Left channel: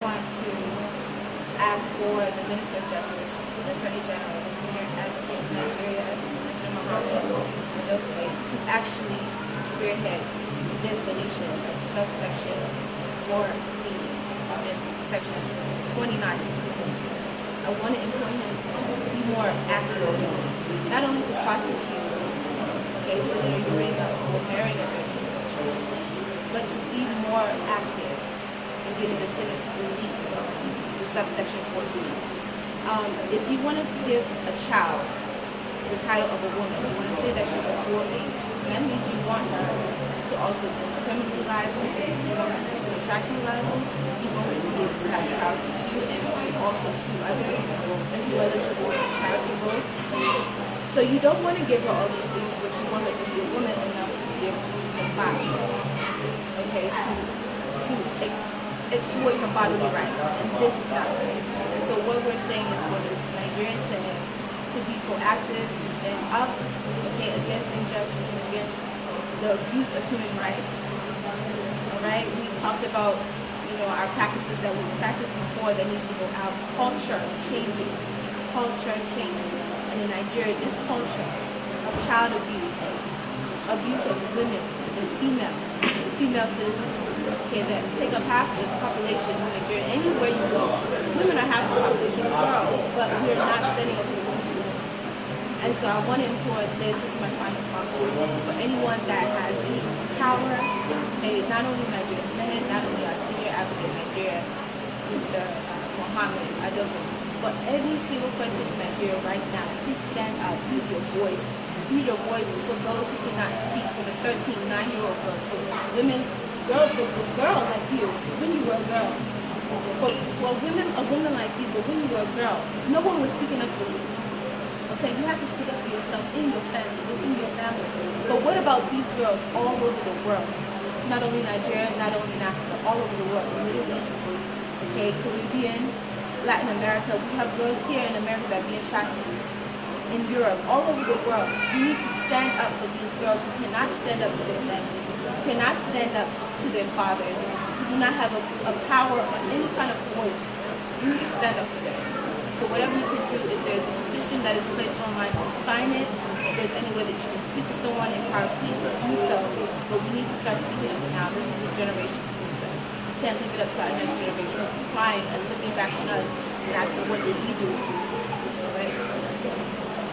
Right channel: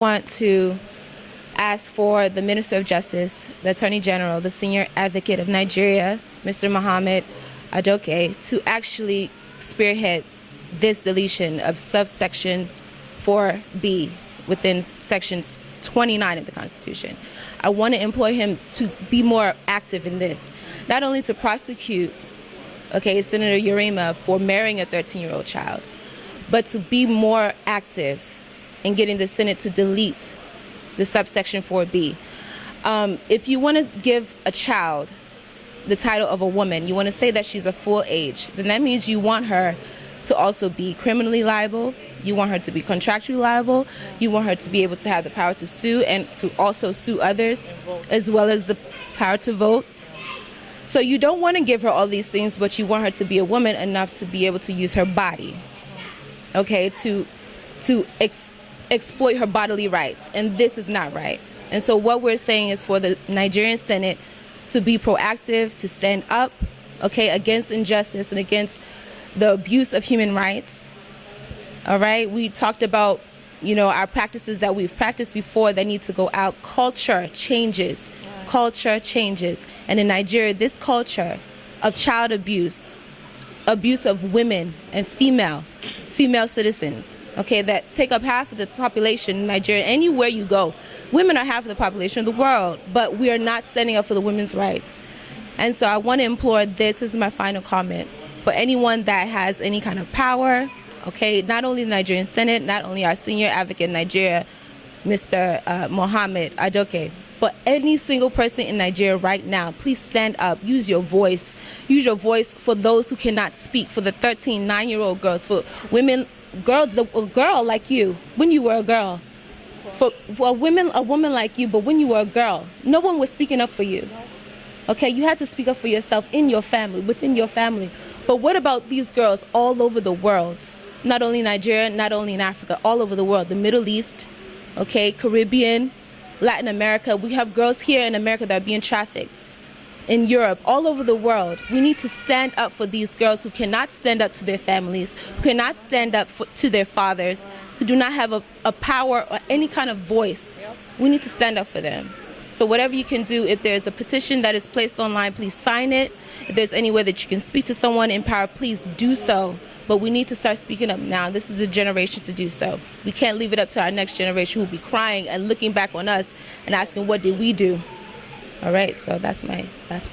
Want to ask for the Minister of Justice, the Attorney General, the Senior Advocate of Nigeria, Mr. Mohammed Adoke, to actually spearhead this deletion of subsection 4B within section 29 of the Constitution. I want to employ him to be more active in this, not only to prosecute, Senator Urema for marrying a 13-year-old child, but to be more active in getting the Senate to delete the subsection 4B. If you want to give a child the title of a woman, you want to say that she's a full age, then that means you want her to also be criminally liable, you want her to be contractually liable, you want her to be able to have the power to sue and to also sue others, as well as the power to vote. So you don't want to give her all these things, but you want her to be a woman enough to be able to use her body, to exploit her bodily rights, and this is not right. And so what we're saying is for the Nigerian Senate to be proactive, to stand up, against injustice and against the abuse of human rights. All right, we talked about, our practices that we've practiced before that need to go out. Culture changes, and in Nigeria, this culture of child abuse of women and female citizens, that take up half of the population in Nigeria. Anywhere you go, women are half of the population of the world, but we are not standing up for the women's rights. And so I want to implore this is my final comment, for anyone that has any kind of power, not only the Nigerian Senate, not only our senior advocate in Nigeria, Mr. Mohammed Adoke, but any single person in Nigeria right now, please stand up, use your voice. Use your voice for those who cannot speak, for the 13, 9-year-old girls, for women, girls, a girl like you, when you were a girl, for a woman like you, but when you were a girl, no one was speaking up for you. You had to speak up for yourself in your family, within your family. But what about these girls all over the world? Not only Nigeria, not only in Africa, all over the world, the Middle East, Caribbean, Latin America. We have girls here in America that are being trafficked. In Europe, all over the world, we need to stand up for these girls who cannot stand up to their families, who cannot stand up to their fathers, who do not have a power or any kind of voice. We need to stand up for them. So whatever you can do, if there's a petition that is placed online, please sign it. If there's any way that you can speak to someone in power, please do so. But we need to start speaking up now. This is a generation to do so. We can't leave it up to our next generation who will be crying and looking back on us and asking, what did we do? All right, so that's my last.